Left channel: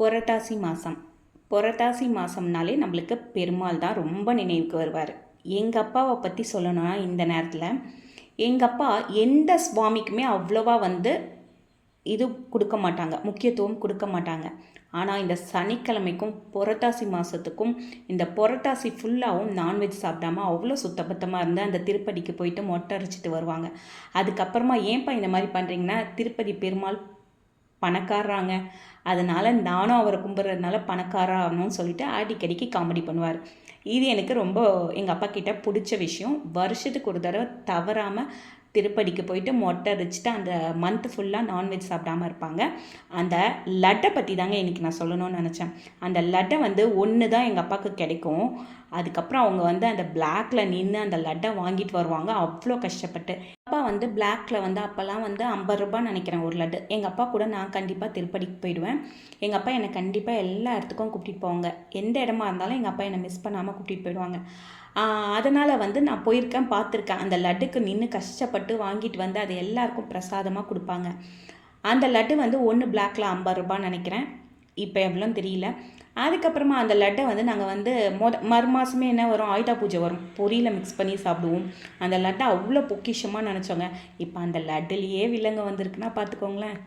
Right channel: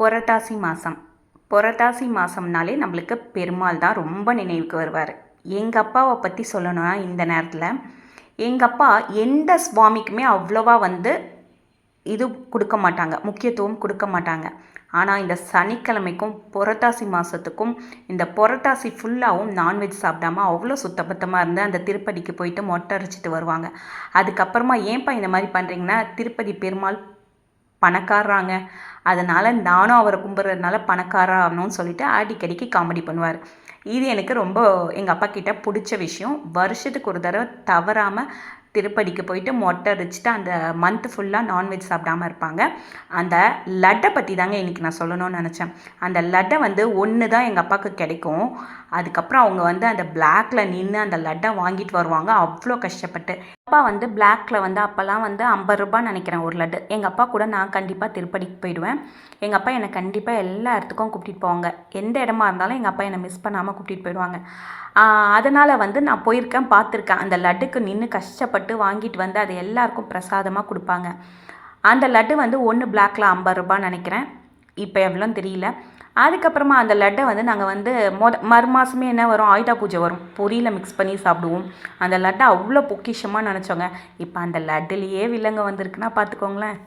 புரட்டாசி மாதம் புரட்டாசி மாதம்னாலே நம்மளுக்கு பெருமாள் தான் ரொம்ப நினைவுக்கு வருவார். எங்கள் அப்பாவை பற்றி சொல்லணும்னா இந்த நேரத்தில் எங்கள் அப்பா எந்த சுவாமிக்குமே அவ்வளோவா வந்து இது கொடுக்க மாட்டாங்க முக்கியத்துவம் கொடுக்க மாட்டாங்க. ஆனால் இந்த சனிக்கிழமைக்கும் புரட்டாசி மாதத்துக்கும் இந்த புரட்டாசி ஃபுல்லாகவும் நான்வெஜ் சாப்பிடாம அவ்வளோ சுத்தபத்தமாக இருந்து அந்த திருப்பதிக்கு போயிட்டு மொட்டை அரைச்சிட்டு வருவாங்க. அதுக்கப்புறமா ஏன்ப்பா இந்த மாதிரி பண்ணுறீங்கன்னா திருப்பதி பெருமாள் பணக்காரராங்க. அதனால் நானும் அவரை கும்பிட்றதுனால பணக்காரா ஆகணும்னு சொல்லிட்டு அடிக்கடிக்கு காமெடி பண்ணுவார். இது எனக்கு ரொம்ப எங்கள் அப்பா கிட்ட பிடிச்ச விஷயம். வருஷத்துக்கு ஒரு தடவை தவறாமல் திருப்பதிக்கு போயிட்டு மொட்டை அடிச்சுட்டு அந்த மந்த் ஃபுல்லாக நான்வெஜ் சாப்பிடாம இருப்பாங்க. அந்த லட்டை பற்றி தாங்க இன்றைக்கி நான் சொல்லணும்னு நினச்சேன். அந்த லட்டை வந்து ஒன்று தான் எங்கள் அப்பாவுக்கு கிடைக்கும். அதுக்கப்புறம் அவங்க வந்து அந்த பிளாக்ல நின்று அந்த லட்டை வாங்கிட்டு வருவாங்க. அவ்வளோ கஷ்டப்பட்டு. அப்பா வந்து பிளாக்ல வந்து அப்போல்லாம் வந்து ஐம்பது ரூபான்னு நினைக்கிறேன் ஒரு லட்டு. எங்கள் அப்பா கூட நான் கண்டிப்பாக திருப்பதிக்கு போயிடுவேன். எங்கள் அப்பா என்னை கண்டிப்பாக எல்லா இடத்துக்கும் கூப்பிட்டு போவாங்க. எந்த இடமா இருந்தாலும் எங்கள் அப்பா என்னை மிஸ் பண்ணாமல் கூப்பிட்டு போயிடுவாங்க. அதனால் வந்து நான் போயிருக்கேன் பார்த்துருக்கேன். அந்த லட்டுக்கு நின்று கஷ்டப்பட்டு வாங்கிட்டு வந்து அது எல்லாருக்கும் பிரசாதமாக கொடுப்பாங்க. அந்த லட்டு வந்து ஒன்று பிளாக்ல ஐம்பது ரூபான்னு நினைக்கிறேன். இப்போ எவ்வளோன்னு தெரியல. அதுக்கப்புறமா அந்த லட்டை வந்து நாங்கள் வந்து மொத மறு மாதமே என்ன வரும்? ஆயுதா பூஜை வரும். பொரியில் மிக்ஸ் பண்ணி சாப்பிடுவோம். அந்த லட்டை அவ்வளோ பொக்கிஷமாக நினச்சோங்க. இப்போ அந்த லட்டுலேயே விலங்கு வந்திருக்குன்னா பார்த்துக்கோங்களேன்